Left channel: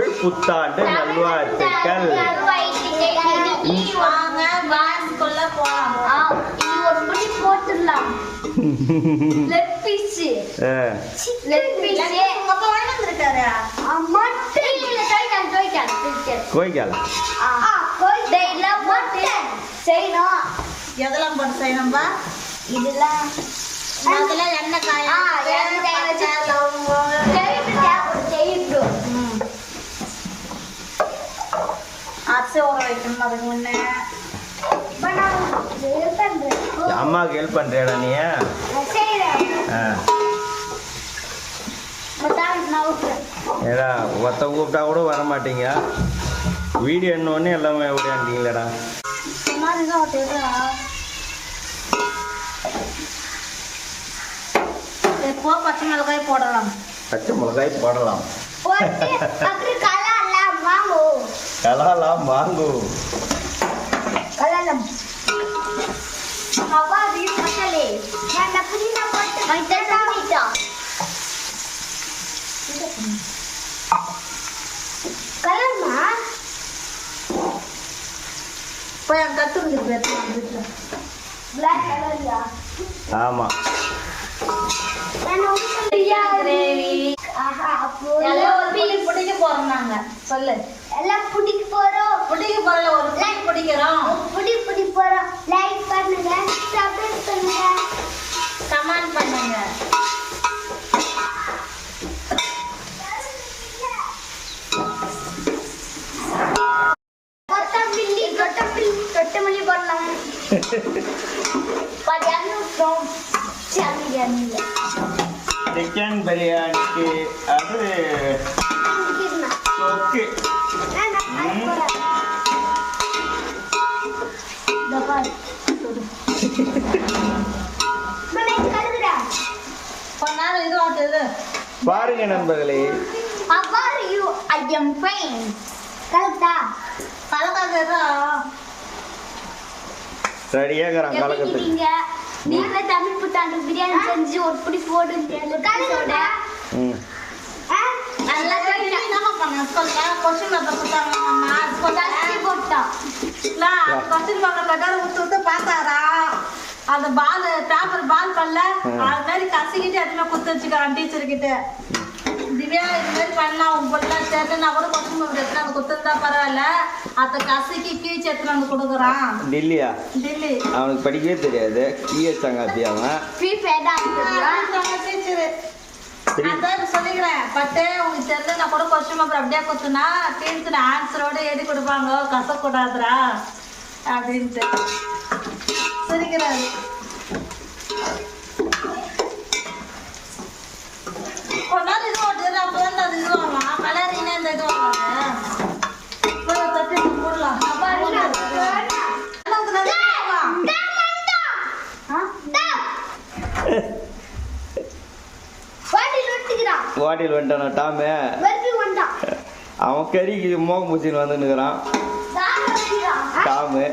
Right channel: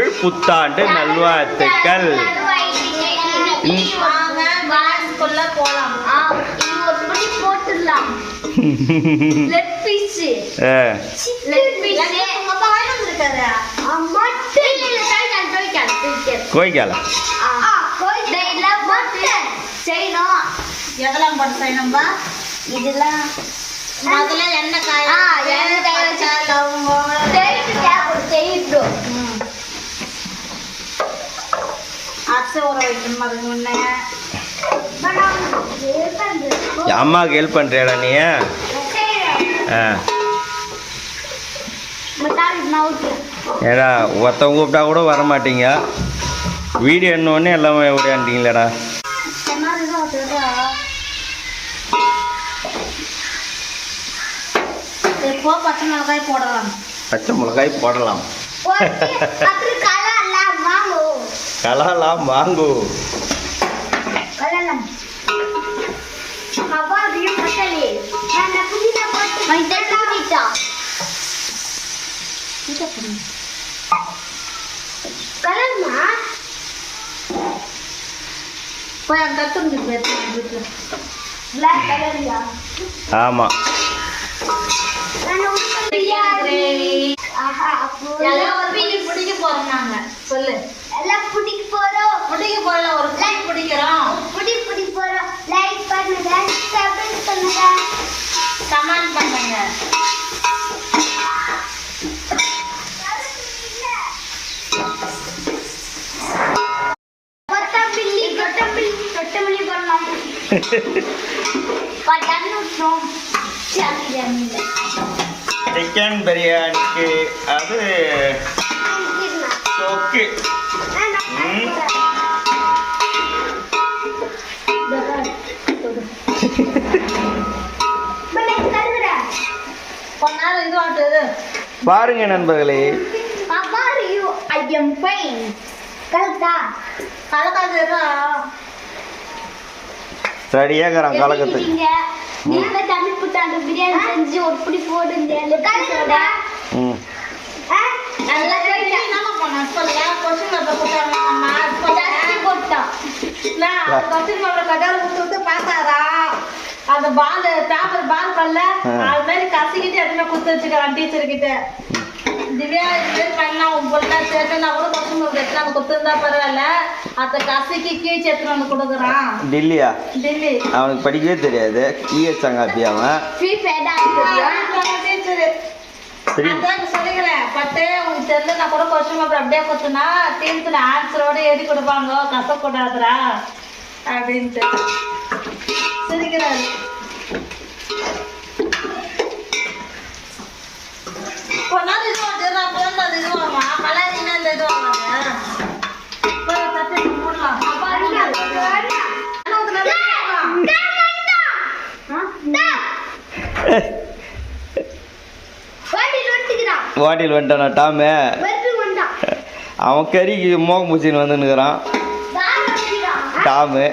தமிழ் புத்தாண்டு நல்வாழ்த்துக்கள். கோய்க்கால எதெல்லாம் போட்டு செய்யணும்பா? இதெல்லாம் முதல்ல எண்ணெய் காய அரிசி ஊற வைக்கணும். அதுக்கு முன்னே அம்மாவுக்கு ஹெல்ப் பண்றியாடா நீ? ஏடா ஒருத்தவங்க கூப்பிட்டா கூட வர மாட்டீங்க. வீடியோ என்னொன்னே எல்லாமே ஓடியாண்டிங்களேடா. பச்சை மிளகாய் போடலாம். பச்சை மிளகாய் போடலாம். கலாலாம் வாங்கு. ஆமா பிடிக்க போறோம். நாங்க சொல்லு எல்லாம் பிடிக்க போறோம். பிடிக்க போறோம். ஒரு பிடிக்கிறோம். பிடி போறோம். லைக் பண்ணுங்க, சப்ஸ்கிரைப் பண்ணுங்க, கமெண்ட் பண்ணுங்க. கொத்தமல்லி பண்ணலாம். சிக்கன் பிரியாணிக்கு அது தொக்கு. பாருங்க நண்பர்களே. ரெடியாகிறான் கலக்கத்துக்கு. நீங்க தமிழ் புத்தாண்டு பிரியாணி செஞ்சு ஒரு புடி போடுங்க. அந்த பால் பேப்பர் பால் பண்ணல அது மாதிரி கசிக்கிட்டு எதுவுமே குத்து வச்சுக்கலாம் டீச்சர் கிட்ட. திவ்யா இது மாதிரி பண்ணா உன் பொண்ணு சேர்த்து நான் கூட கொஸ்டின் பேப்பர் அந்த குத்து இருந்தா பரவாயில்ல. அதை கசிக்கி கீழ்ச்சி எடுத்துட்டு வந்து கொடுக்குறான். டெல்லியா? டெல்லி. அவனுக்கு படிக்கவே தெரியாது. கீழச்சாங்க அவன் சொல்லிக்கிறேன். பட்டு உங்களுக்கு தெரியல நான் கூட கொஸ்டின் பேப்பர் அப்படியே கொடுத்தனா டீன்ஸ்ல ஆன்சரோட எழுதி கொடுப்பாங்க. கசக்கூடாதுரா அப்படின்ட்டு சிரிக்கிறாரு. கொண்டாந்து இது வாங்க. அப்பதான் அது இது வாங்க. கலரிங்கன்னா இந்த இது வாங்க. போடலாம். வாட்டில் வந்துட்டானா டாமு? அவன் கறிக்கு மோகம் பூச்சின்னு வந்துன்னுக்குறான் டாமு.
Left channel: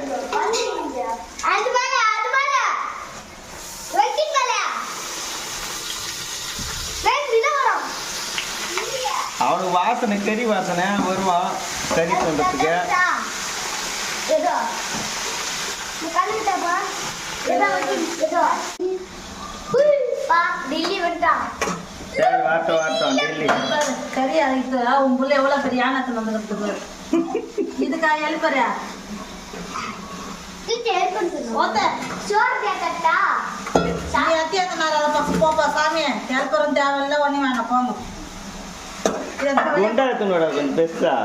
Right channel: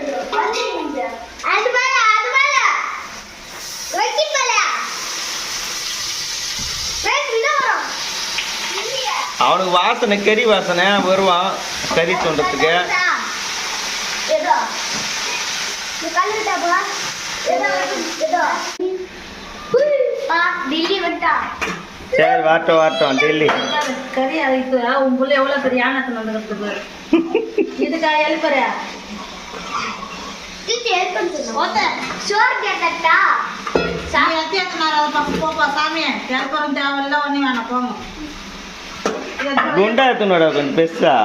அவனுக்கு வாசனை கறி வாசனை வருவான் கறி தோன்றதுக்கு. சரி வாட்டம் வாட்டம் டெல்லி கறி அதுக்கு உன் புள்ள எவ்வளவு பெரிய யானத்துல வந்துருக்கு. இதுக்கா எழுப்புறியா? போப்பா சாமி எழுப்புறம் தேவையில்ல ஒண்ணு வேணாம் போங்க. குண்டா எடுத்துனோட கொஞ்சம் பெருசா.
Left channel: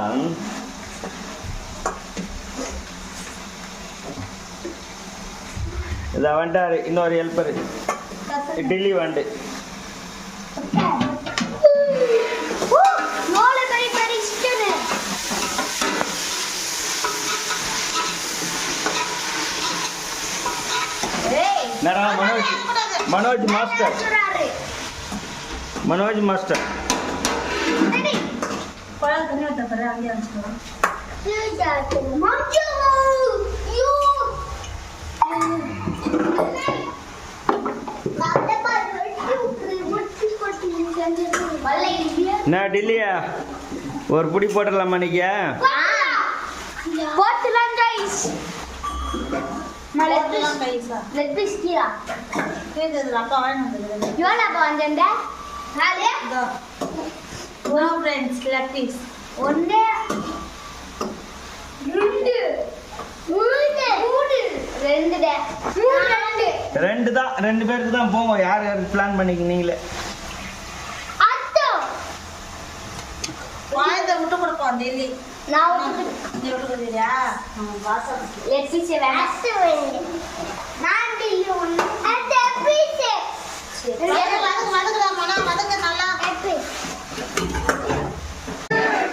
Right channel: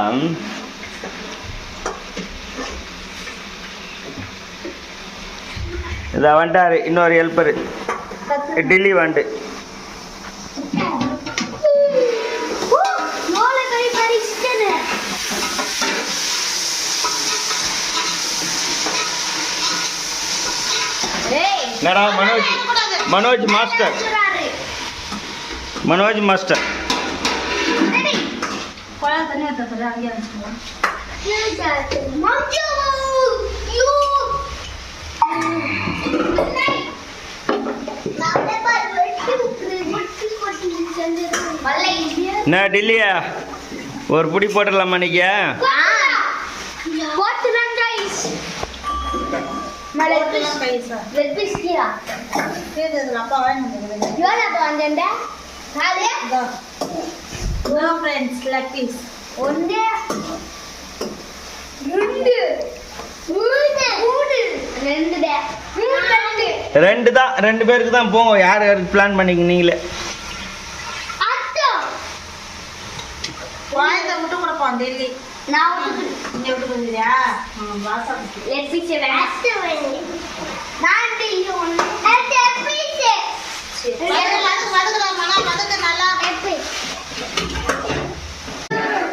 இதை வந்துட்டாரு இன்னொரு ஹெல்ப்பரு டெல்லி வந்து. என்னடா மனோஜ் மாஸ்டர். மனோஜ் மாஸ்டர் என்ன டெல்லியா ஒரு புடி போட்டுடலாமா நீங்க? போட்டுலாம் guys. Leg piece Keera. அப்பா வாங்கிட்டு யோனா அப்பா வந்தேன்டா. நாலு. No friends leg piece. ஒன்று. ரெண்டு. மூணு. ரெண்டுடா. ரெண்டு. ரெண்டு தான், 2 பேருக்கு தான் போங்க. யார் யாருக்கு பிளான் பண்ணிக்க நீங்களே. அத்தோ. வாய்ந்த விட்டு கொடுப்போம் டெல்லி. நான் விட்டு இங்க விட்டு கொடுக்குறியா? வாசா லெக் பீஸ் வேணும். அத்தோ வேணும். நான் டெல்லி ஒன்று. அந்த பீஸ். மதக்கு நல்லா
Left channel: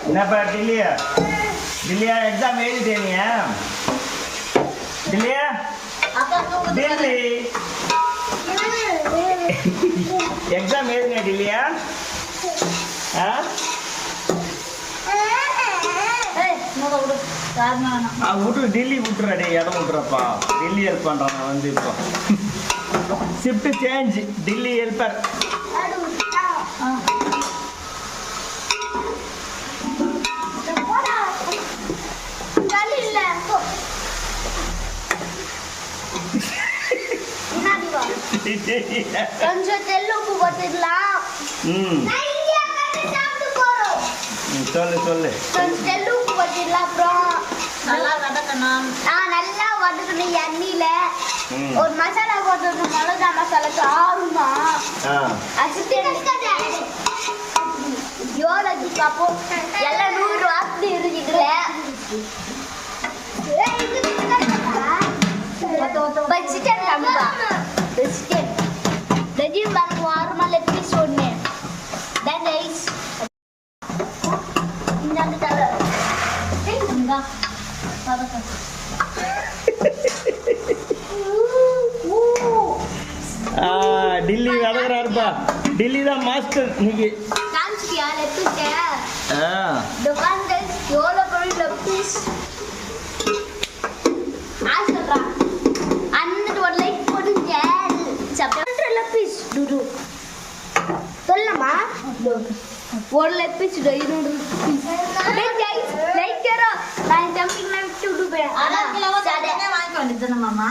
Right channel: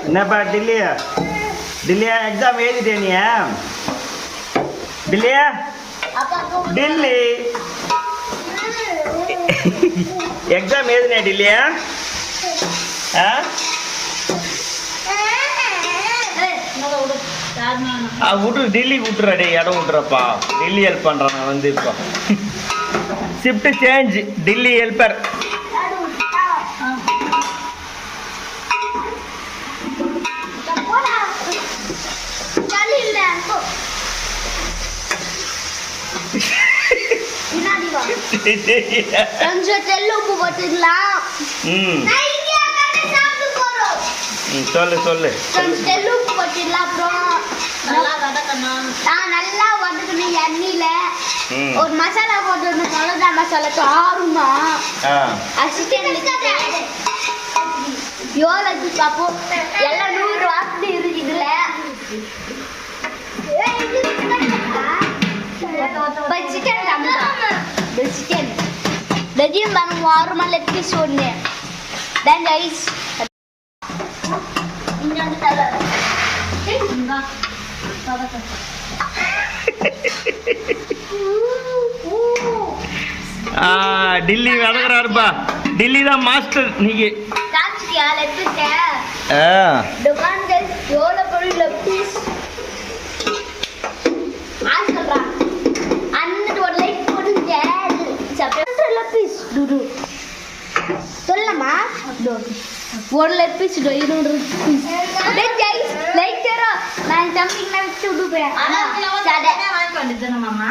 என்னப்பா டில்லியா? டில்லியா எக்ஸாம் எழுதிட்டே நீ? டில்லியா? டில்லி எக்ஸாம் எழுதினே டில்லியா? ஆ விட்டு டில்லி விட்டுறா. டே இடம் விட்டுறப்பா. டில்லி ஹெல்ப் பண்ணுறான் நான் வந்து இப்போ. Shift change. டில்லி ஹெல்ப்பர். கொஞ்சம் தெல்லு உப்பு போட்டுக்கலாம். சொல்லு சொல்லு. கொஞ்சம் தெல்லு உப்பு போட்டுக்கலாம். அப்புறம் நல்லா வதக்கணும். நல்லா வதக்கணும் எண்ணெயில. ஒரு மசாலா போட்டு மிளகா மசாலா காரமா யோலஜிக்கு அப்போ எல்லாம் 100 வாசனை இருக்குதுல. சிக்கன் கம்மிப்பா. சிக்கன் வெஜியும் பாருங்க. வாரமா லெக் பீஸ் ஒன்று. தென் ரைஸ். இன்னொன்று தலை. டில்லி வதக்குறாருப்பா. டில்லி தான் மாஸ்டர் நீங்க. காமிச்சிட்டியா லெக் பீஸ்? दुकान के எவ்வளோ பொருள் லெக் பீஸ் ஆஸ்கரா அன்னைக்கு ஒரு லைக் போடுங்க. சப்ஸ்கிரைப் லெக் பீஸ் டுடு சொல்லமா ஒரு லெக் பீஸ் 200 லைக் करो. நான் ஜம்பிங் நான் விட்டு போறேன். சாடே வாங்கி வந்துட்டேன் மாமா.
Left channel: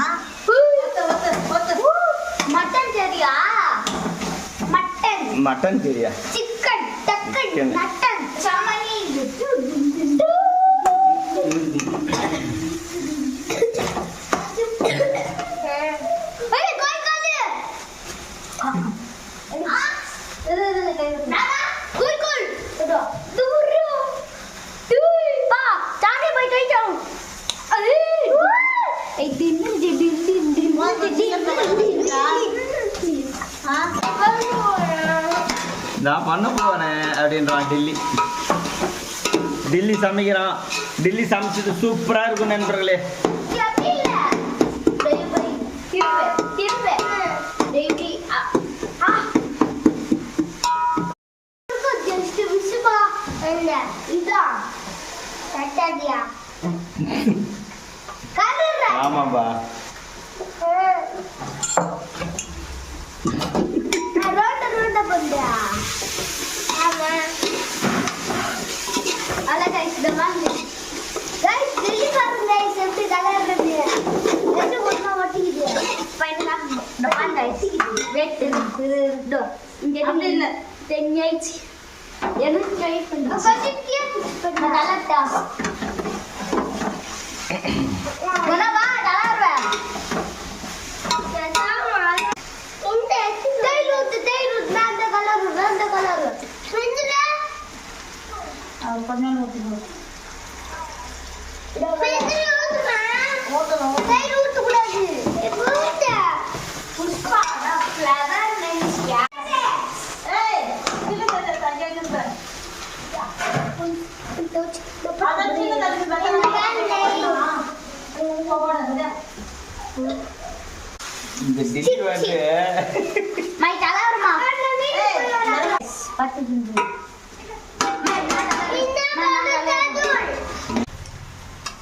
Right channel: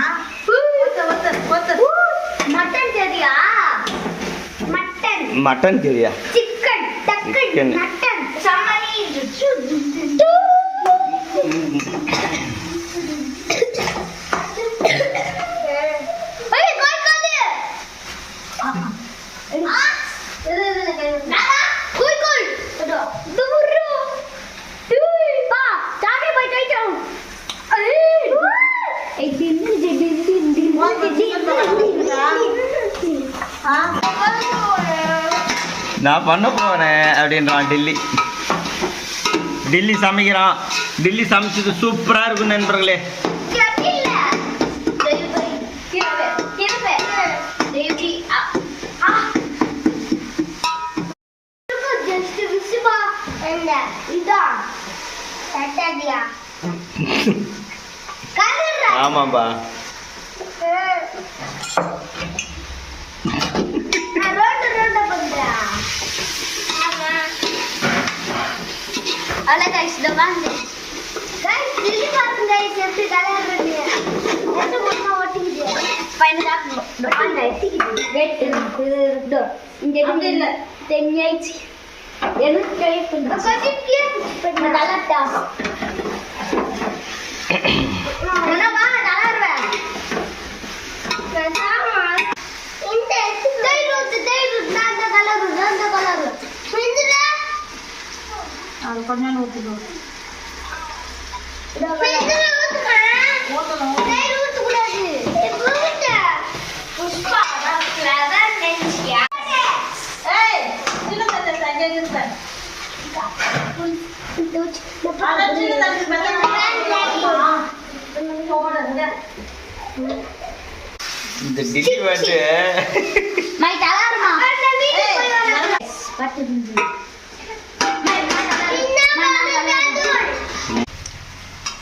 மட்டன் சரியா? மட்டன் மட்டன் தெரியா? சிக்கன் டக்கன் மட்டன் சாமானி நான் பண்ண போறேன் அப்படின்றான் டில்லி. டில்லி சமைக்கிறான். டில்லி சமைச்சது சூப்பரா இருக்கும் நண்பர்களே. ஆமாப்பா. கொஞ்சம் ஊற்றிக்கணும். இந்த டில்லி வந்து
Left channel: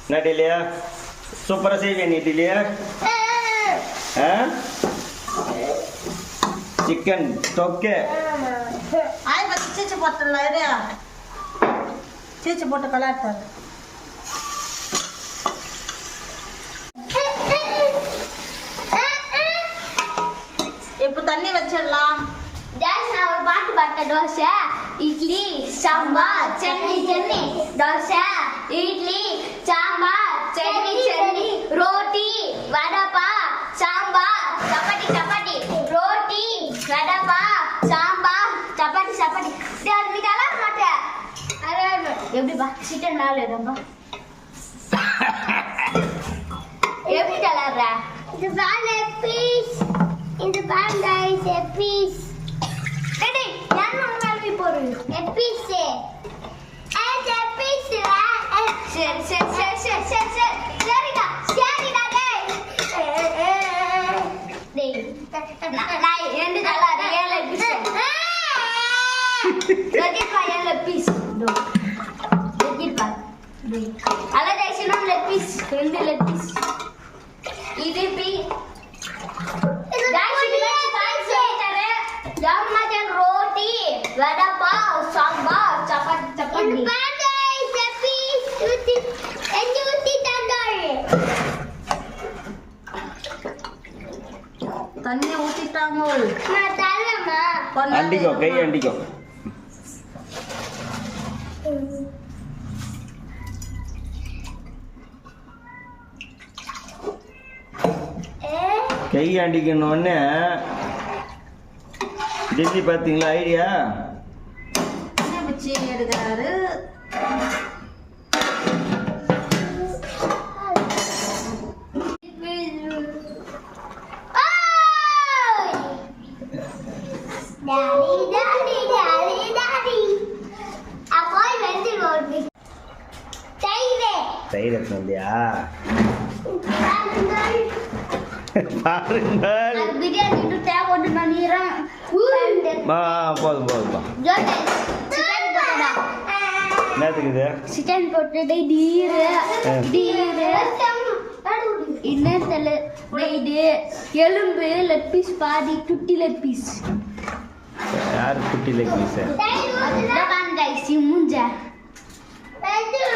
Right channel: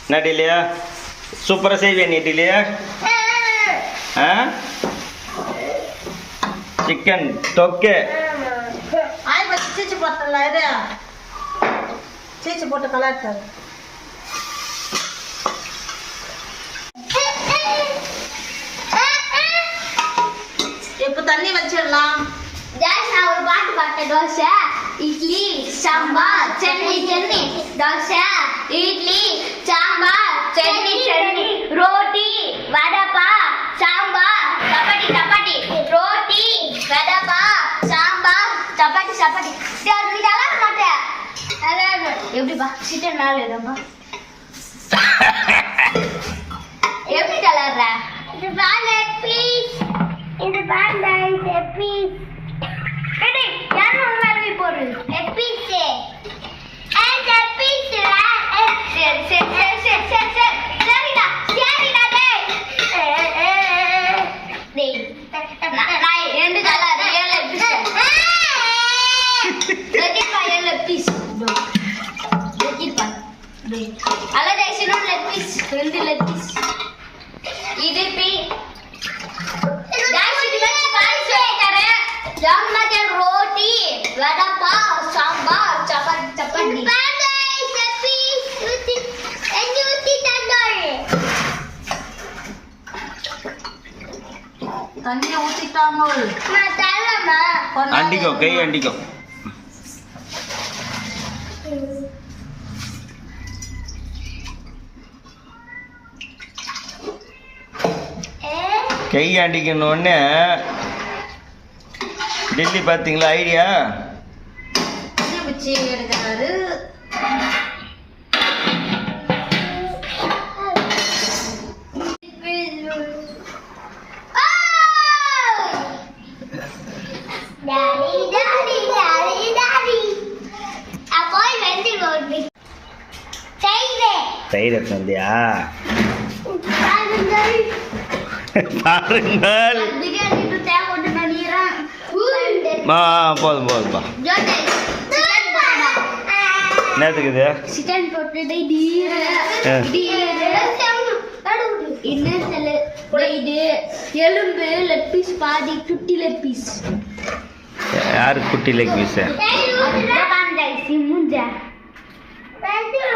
என்ன டில்லியா சூப்பராக செய்வியா நீ டில்லியா? சிக்கன் தொக்கே ஆய் பச்சி போட்டல இது சீச்சு போட்டு கலாச்சாரு. இப்போ தண்ணி வச்சிடலாம். நான் ஒரு பாட்டு பாட்டேன். தோசை, இட்லி, சாம்பார், சட்னி, தோசை, இட்லி, சாம்பார், சட்னி, ரோட்டி, வடப்பா, சாம்பார், சப்பாத்தி, ரோட்டி, வடப்பா, சாம்பார், சப்பாத்தி. நீ நல்லா மாட்டேன். எப்படிப்பா சிக்கன் மேலே இருப்பா எப்படி கலர்ற? இது பாருங்க பீஸ். இது பாருங்க இது பீஸ். டேடி யார் உங்களை போடு பீஸ். ஏ பீஸ். சரி. சரிடா டேய். நான் ரெண்டு கலர் ஏழு பீஸ். லெக்கிப்பா ஏழு பீஸ். லெக்கிப்பா டேய். அலடேஷனும் லெக் பீஸ். ரெண்டு லெக் பீஸ். இது பீ रोटी वड़ा पाव सांबार चपाती தண்ணி ஊத்திட்டாங்க. அண்டிக்கோ கை அண்டிக்கோ. கை அண்டிக்கணுன்னே டெல்லி பார்த்தீங்களா ஐடியா? பிச்சி எடுக்கிறாரு. தயிர் எடுத்தியா? பாருங்கள். போதும்பா. என்னத்துக்கு இது? சிக்கன் போட்டு எலும்பு லெக் பீஸ் பாதி குட்டி லெக் பீஸ். யாரு குட்டி லெக் பீஸ்? மூஞ்ச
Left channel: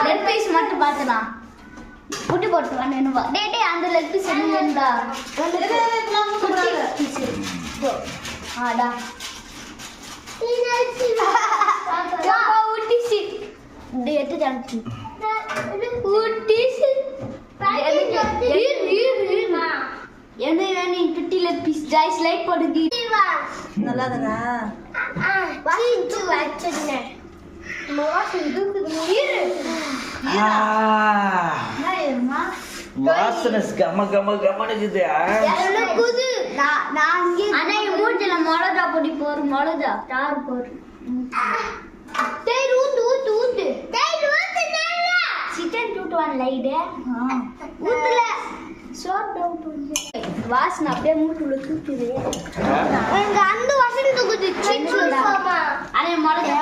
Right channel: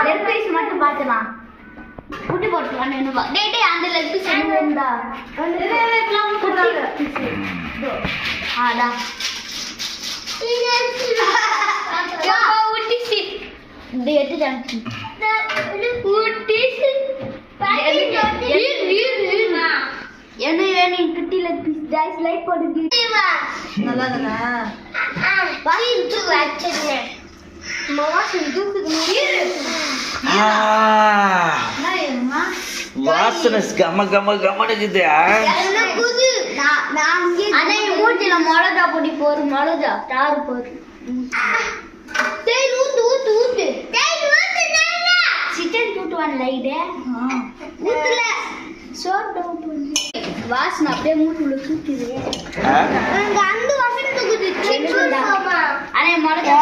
லெக் பீஸ் மட்டும் பார்த்துதான் குட்டி போட்டு வேணுவா. டேய் அந்த லெக் பீஸ் என்னடா? ஆடா வாசனை கம கம கமனுக்குது. மிளகா பொடி போரு மிளகா தாறு போரு சிக்கன் தூட்டுவான் லைடு ஊத்துல சோப் டவுட் வாசனை அப்படியே மூட்டுல தூக்குது. அந்த வாசனை தூக்குது. அண்ணே மிளகா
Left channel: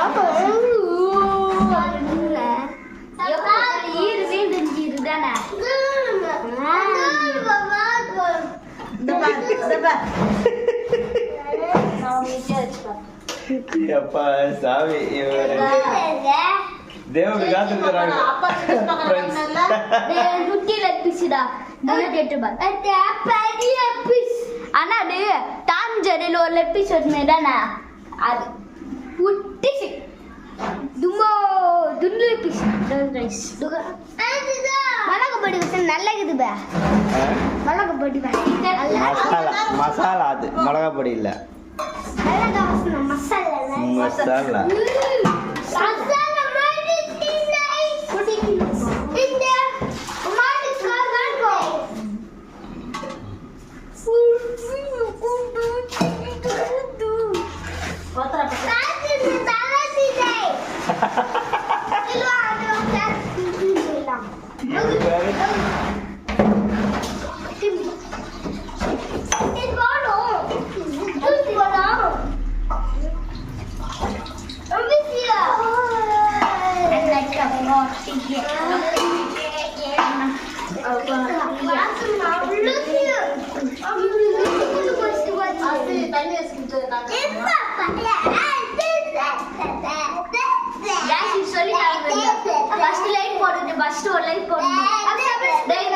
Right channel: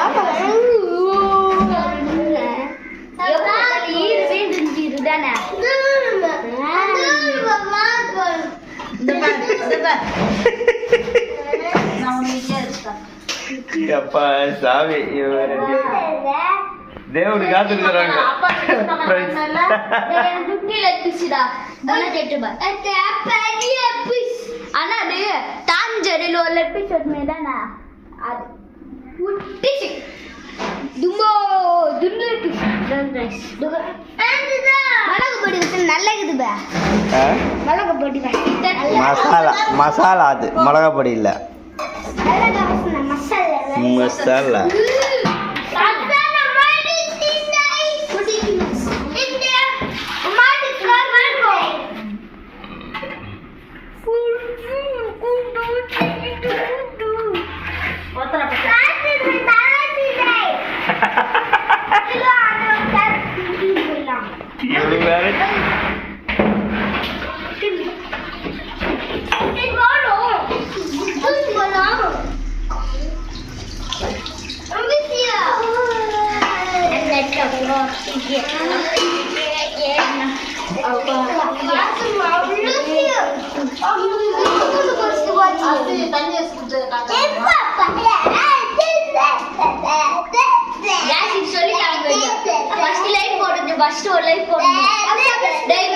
ஈடு வீடு தானே அப்பா சாமி தேவனு காத்துக்கிறாங்க. ஆனா அது தாஞ்சரில் ஒரு லெட் பீஸ் வருமேதானே அது உட்டிச்சு தும்போ துண்டு பீஸ் ரைஸ் மிளகு பொடி நல்லா இருக்குது. மிளகு பொடி மசாலா அது மிளகா பொடி இல்ல மசாலா. லைக் போடணும். டேய்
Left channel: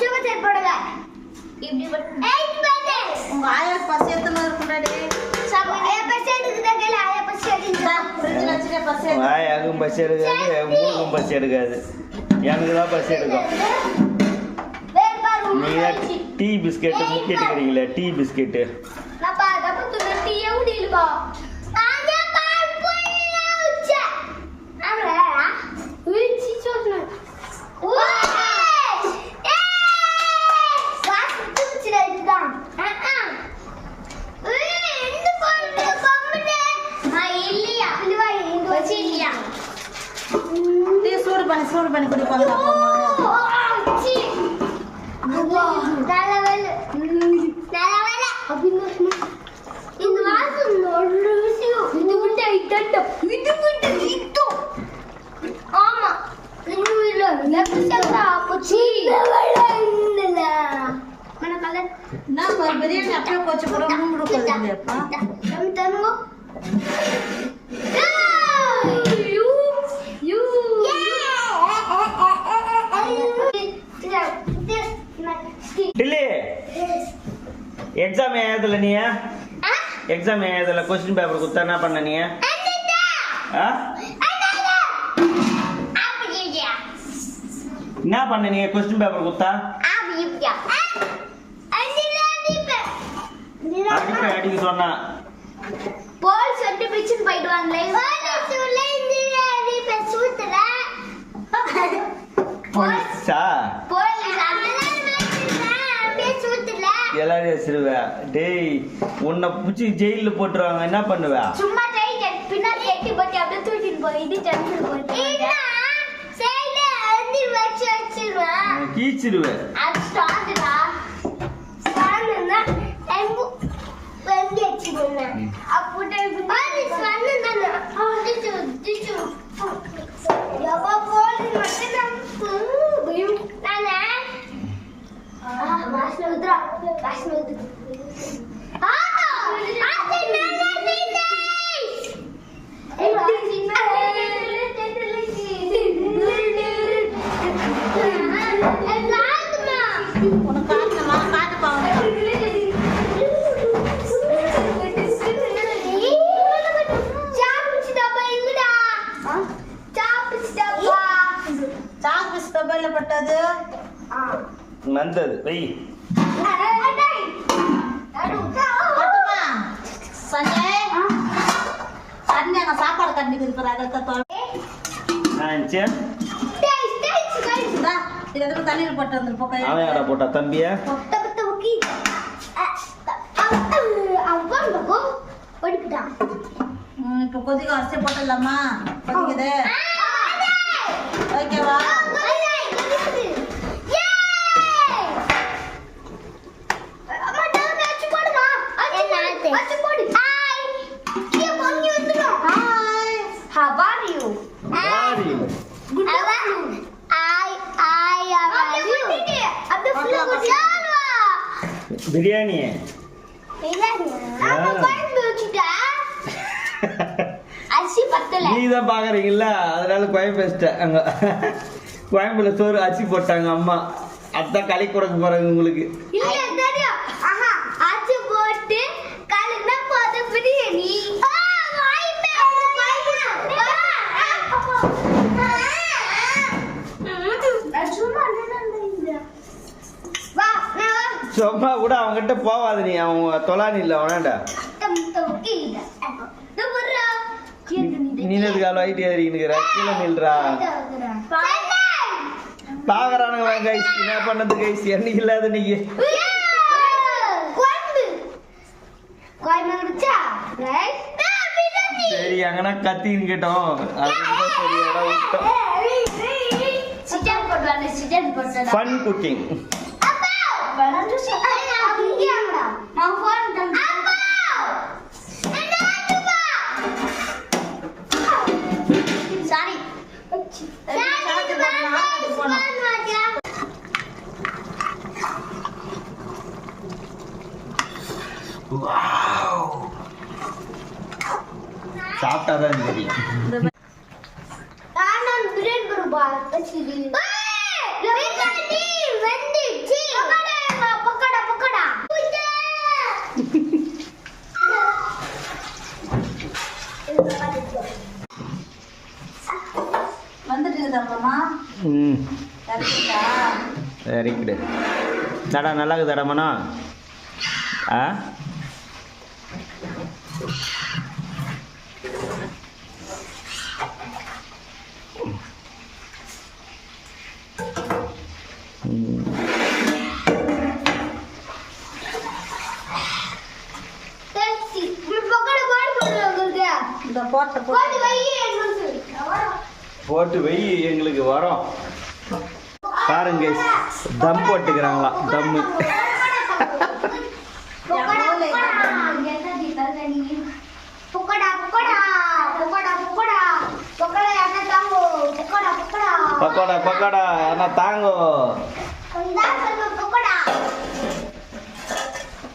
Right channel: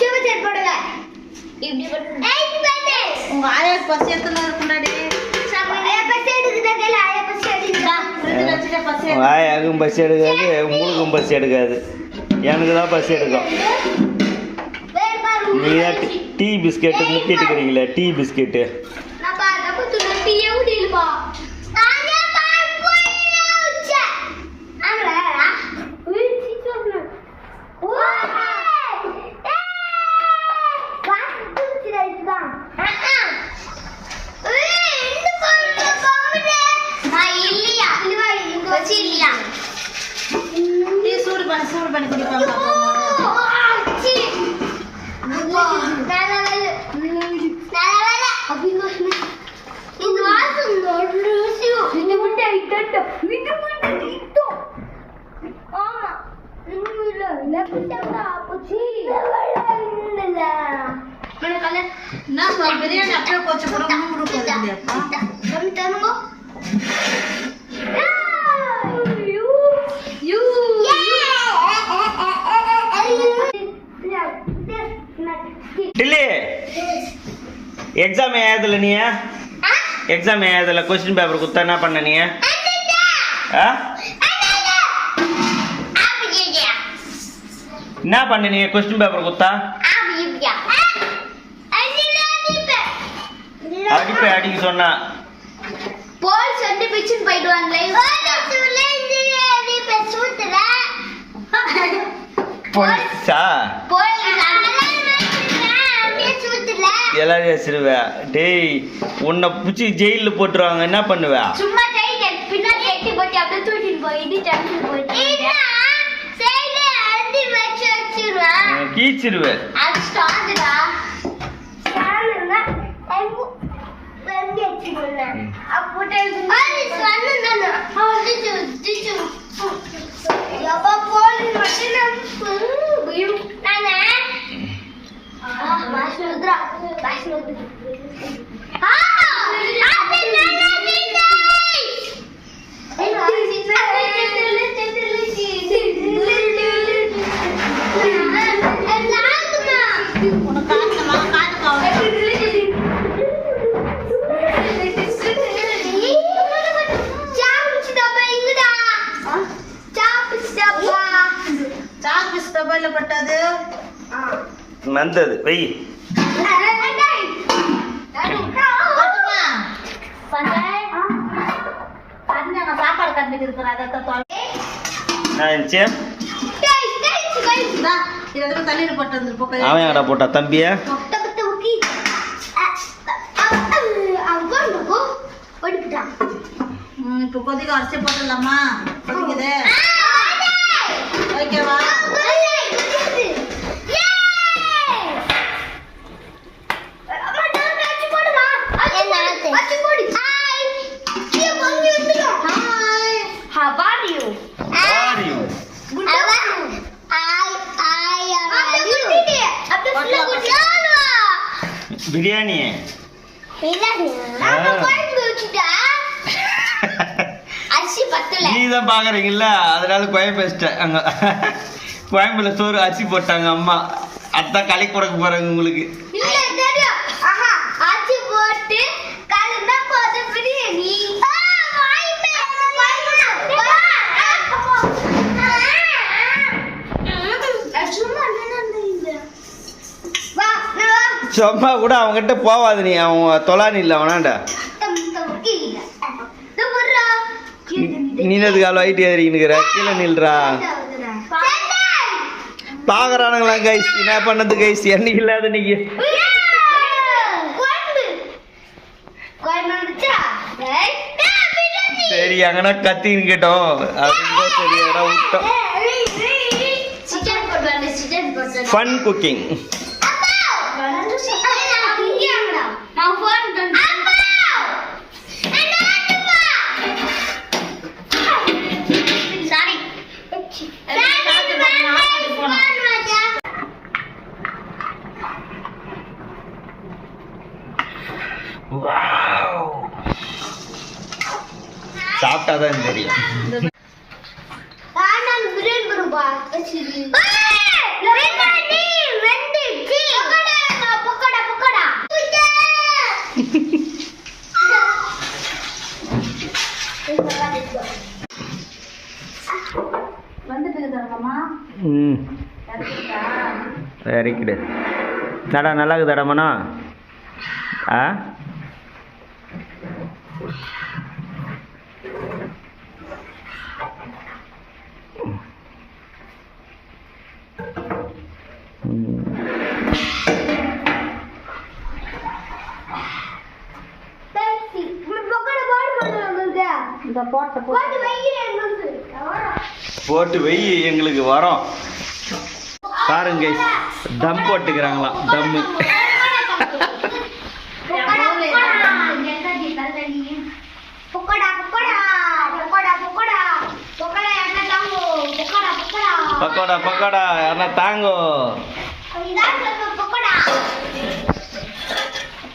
சும்மா செட் போடுங்க. இப்படி போடுங்க. உங்க ஆயா பசி எத்தனை இருக்குடாடி? ஆயா பசி எடுக்குதா கேள. ஆயா பசி எடுக்குதா? ஃப்ரிட்ஜ்ல வச்சுக்க பசி. வாயாகும் பசி எடுக்காது, உங்களுக்கும் பசி எடுக்காது, எனக்கு தான் பசி எடுக்கும். வேற பாரு. நீங்கள் டீ பிஸ்கெட்டு முக்கி எடுக்கிறீங்களே, டீ பிஸ்கெட்டு. நான் பாத்தா புத்துன டீயே உடிலப்பா. நானே பால் போயில உச்ச. அங்கடா. உச்சி சோக்னா. ஓய். காசு துச்சிரா இதுதான். இந்த பொண்ணு கோமடே. இல்லையா? இல்லவா இங்க வச்சி இல்லையா? டீ சூடு பண்ணி குடிப்பாங்க பாப்போம். ஆச்சி. நல்லவேல. அப்படின்னு இந்த வாசம் இது விட்டு ஐட்டோ இது விட்டு இட்டோ. ஆமா இன்னும் இல்ல லெப்சா போச்சி இல்ல மேல கலர் நான் பிரியாணி அப்படியே கொஞ்சம் கூட மூணு போடுறேன்ப்பா. நம்ம தருங்க. டில்லி எக்ஸாம் ஏதுல நீ எக்ஸாம் ஏதுல கொஸ்டின் பேப்பர் கொடுத்தா என்ன பண்ண நீ? ஆ? என்ன பண்ண நீ கொஸ்டின் பேப்பர் கொடுத்தா? அடிக்க சொன்னா போல் சொல்லி பிச்சுன்னு போயிடுவாங்களே. போலீஸா எல்லாரும் சிறுவ டேய் உன்னை பிடிச்சி ஜெயிலில் போட்டுருவாங்க, என்ன பண்ணுவ? சும்மா பின்னாடி எட்டி போட்டு அப்படியே தூக்கிட்டு போய் இது டென்ஷன் போயிட்டு கீச்சிருவேன். அது ஸ்டாண்டுடா. ஸ்டாண்டுனா எங்க வெங்க வச்சிருந்தேன். அப்போட்டே இது ஸ்டாண்டு தான. அது டிச்சு. யப்பா போலி மட்டும் நானே. வாஷ்ணுத்ரா. அது பட்டது வந்தது வை. சாப்பாடு கண்டிக்கு இருக்கிறாங்க. தண்ணீர் போட்டு வந்துருப்போம். அவன் எங்கடா போட்டா தம்பிய? இப்போ கொதிக்க அரிசி போட்டுடலாமா? கொதிக்குது. ஓகேவா? பிரியாணி நீ தான் பாக்குறீங்கல்ல, அதனால கோயம்பு பேசிட்டேன். அங்க கோயம்புல சோறு அரிசி போட்டாங்க அம்மா, அதான் களி கொடுக்க போறாங்க உங்களுக்கு. சும்மா கூட அவங்ககிட்ட போவாது, நீ அவன் தொலானி இல்லை அவனாண்டா. நீனது கால ஐட்டி ஏறிக்கிற கீழே நில்றா. பாக்குறானுங்களா கைஸ் என்ன பண்ணது கைஸ்? என்னைக்கு இல்லாத நீங்க சரி அங்கனா கத்தின்னு கேட்டோம், அதுதான் சரி இடம் விட்டோம். Fun cooking. சாப்பிட்டாதான் தெரியும். Very good. தடா நல்லா இருக்குதாடா மனோ? ஆ இந்த போட்ட போட்டு போட்டு வெய் எங்களுக்கு வரோம். பாருங்க தம் போட்டுக்கிறாங்களாம். தம்மு பக்கோடா பக்கோடா யாரா தாங்கோ.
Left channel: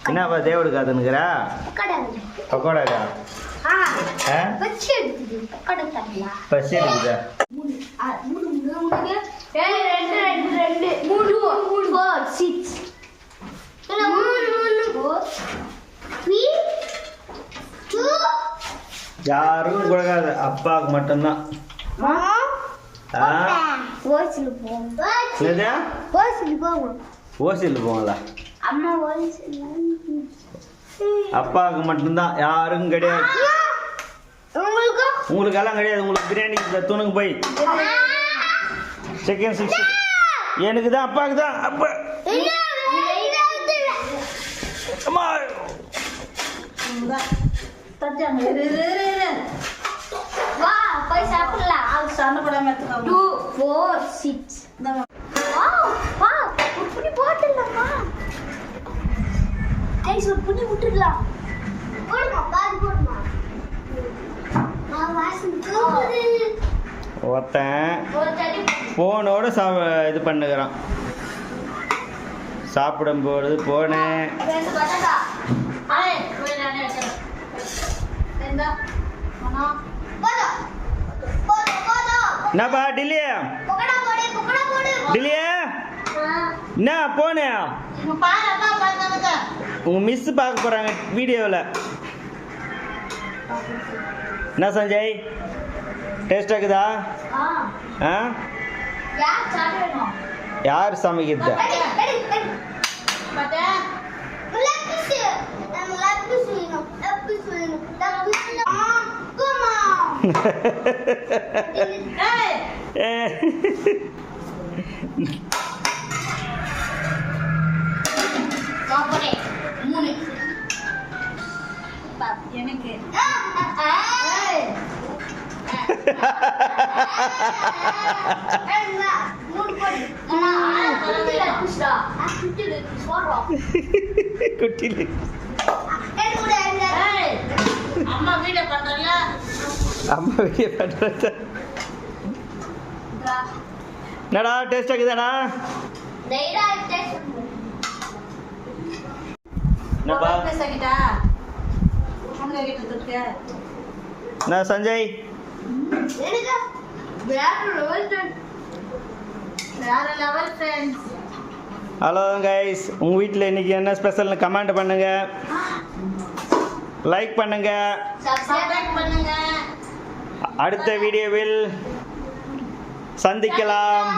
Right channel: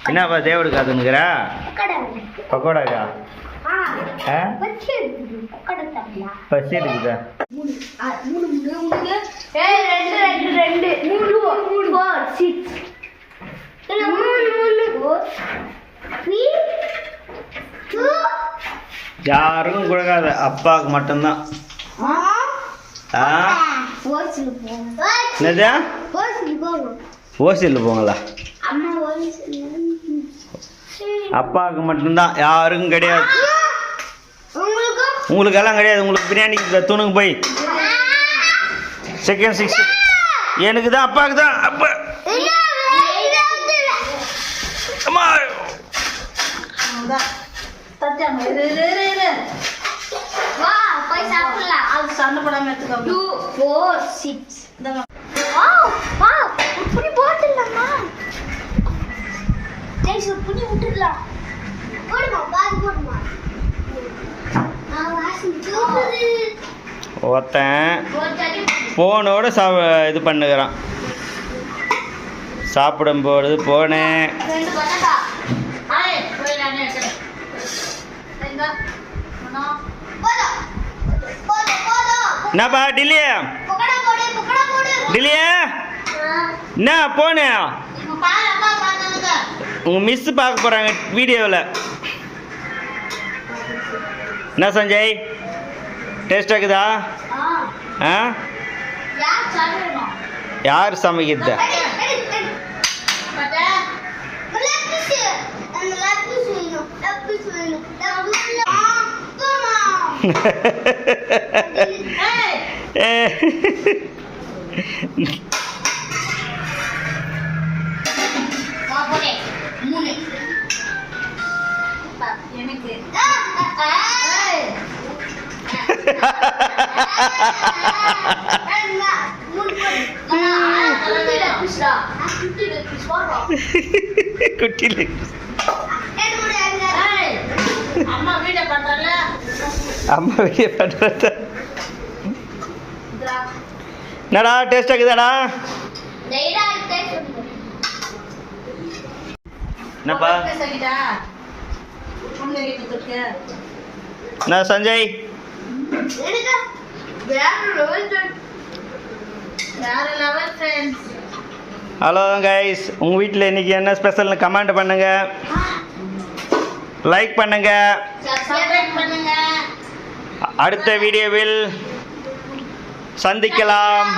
என்னப்பா தேவடு காத்துனுக்குறா? பக்கோடாக்கா பசி எடுக்குதா? யாருக்கும் கொடுக்காத, அப்பாவுக்கு மட்டும்தான். என்னது ஓசியில் போங்களா? அப்பாவுக்கு மட்டும்தான், யாருக்கும் கிடையாது. உங்களுக்கு எல்லாம் கிடையாது. உங்களுக்கு பிரியாணி தூணுங்க போய் செகண்ட் 6 எனக்கு தான், அப்பாவுக்கு தான். அப்பா அம்மா சண்டை போடாம எடுத்துக்கோ. 2 4 6 புண்ணி விட்டுக்கலாம். ஒருத்தன் போனோட இது பண்ணுகிறான். சாப்பிடும்போது போனேன். என்னப்பா டில்லியா டில்லியா என்ன போனேன்? உங்க மிஸ் பார்க்க போறாங்க வீடியோவில். என்ன சஞ்சய் டேஸ்ட் ஆகுதா? ஆ யார் சமைக்கிறது? குட்டில அம்மா வீடியோ பண்றத என்னடா டேஸ்ட் ஆகுதாடா? என்னப்பா என்ன சஞ்சய்? ஹலோ கைஸ், உங்கள் வீட்டில் இன்றைக்கி என்ன ஸ்பெஷல்னு கமெண்ட் பண்ணுங்க, லைக் பண்ணுங்க. அடுத்த வீடியோவில் சந்திக்கலாம்.